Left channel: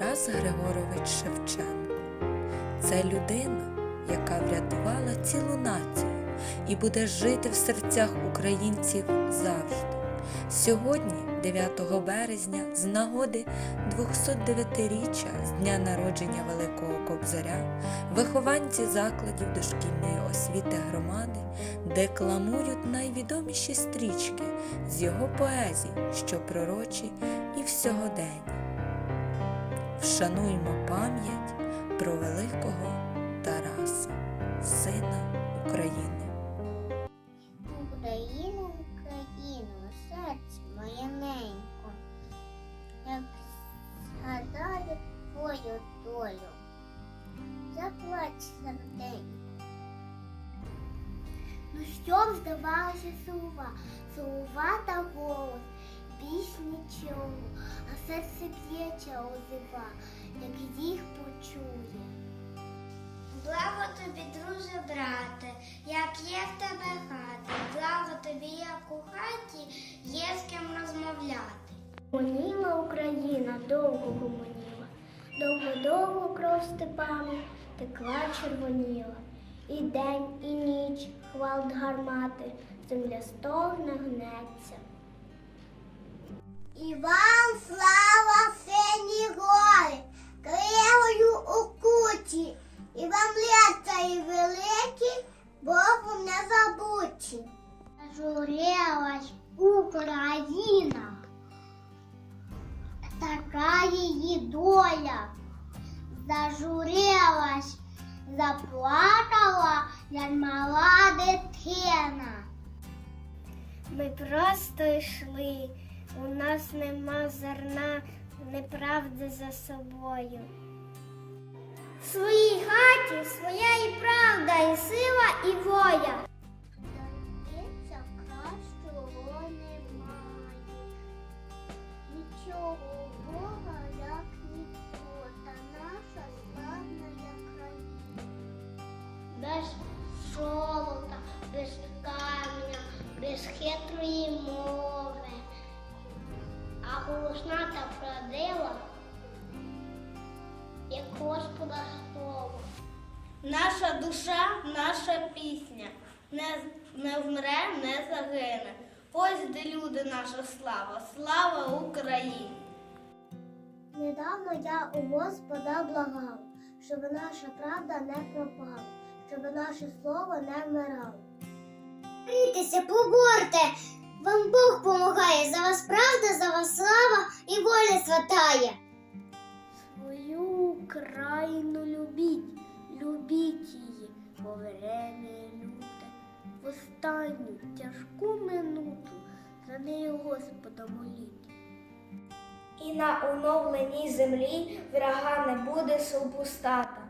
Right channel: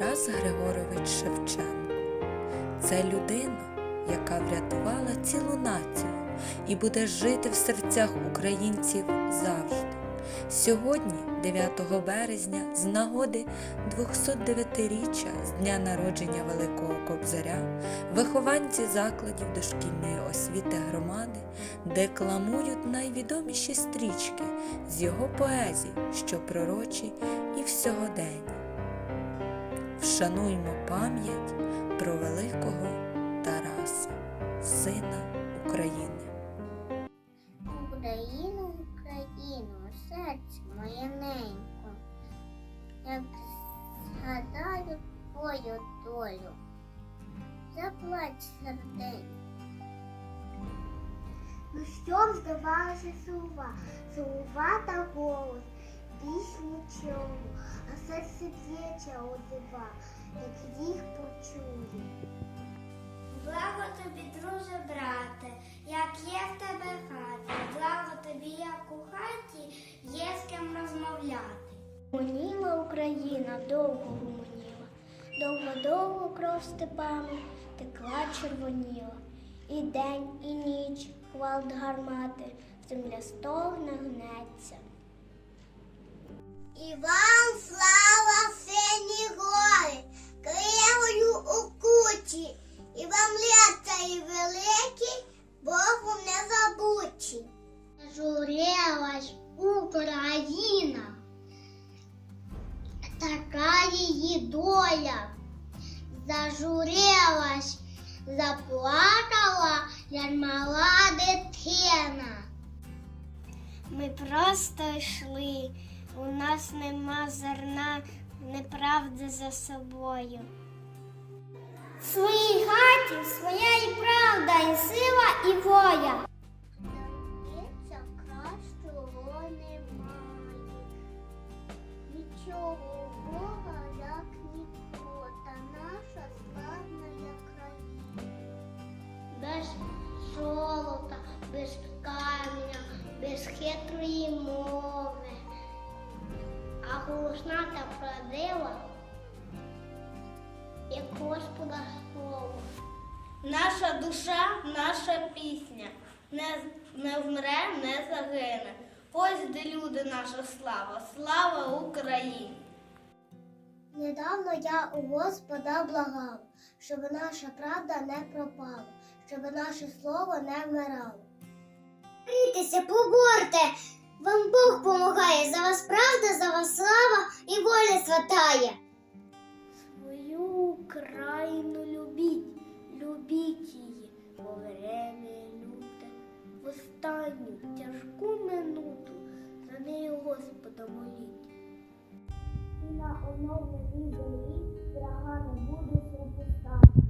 Тарас Григорович Шевченко. Це людина, яка врятувала цілу націю і буде жити в серцях українців завжди. Сьогодні, 9 березня, з нагоди 209-річчя з дня народження Великого Кобзаря, вихованці закладів дошкільної освіти громади декламують найвідоміші стрічки з його поезій, що пророчі і в сьогоденні. Вшануймо пам'ять про великого Тараса, сина України. Україну, Україну, серце моє ненько, як згадаю твою долю, заплач серденько. Ну що здавалося сува, сува та голос, б'ється озива, як їх почую. Благо тобі, друже, брате, як є в тебе хата, благо тобі, як у хаті, є з ким розмовляти. Гомоніла Україна, довго гомоніла, довго-довго кров степами текла червоніла. І день, і ніч, хвалт гармати, земля стогне гнеться. І вам слава Україна, така її доля, зажурилась, заплакала, як мала дитина. Ми просто йшли, у нас нема зерна неправди за собою. В своїй хаті своя і правда, і сила, і воля. Золота, без камня, без хитрої мови. А голосна та правдива, як Господа слово. Наша душа, наша пісня, не, не вмре, не загине. Ось де люди наша слава, слава Україні! Недавно я у Господа благав, щоб наша правда не пропала, щоб наше слово не вмирало. Борітеся, поборте! Вам Бог помагає, за вас правда, за вас слава і воля святає. Свою Україну любіть, любіть її, бо время люте. В останню тяжку минуту за нею Господа моліть. І на оновленій землі врага не буде супостата.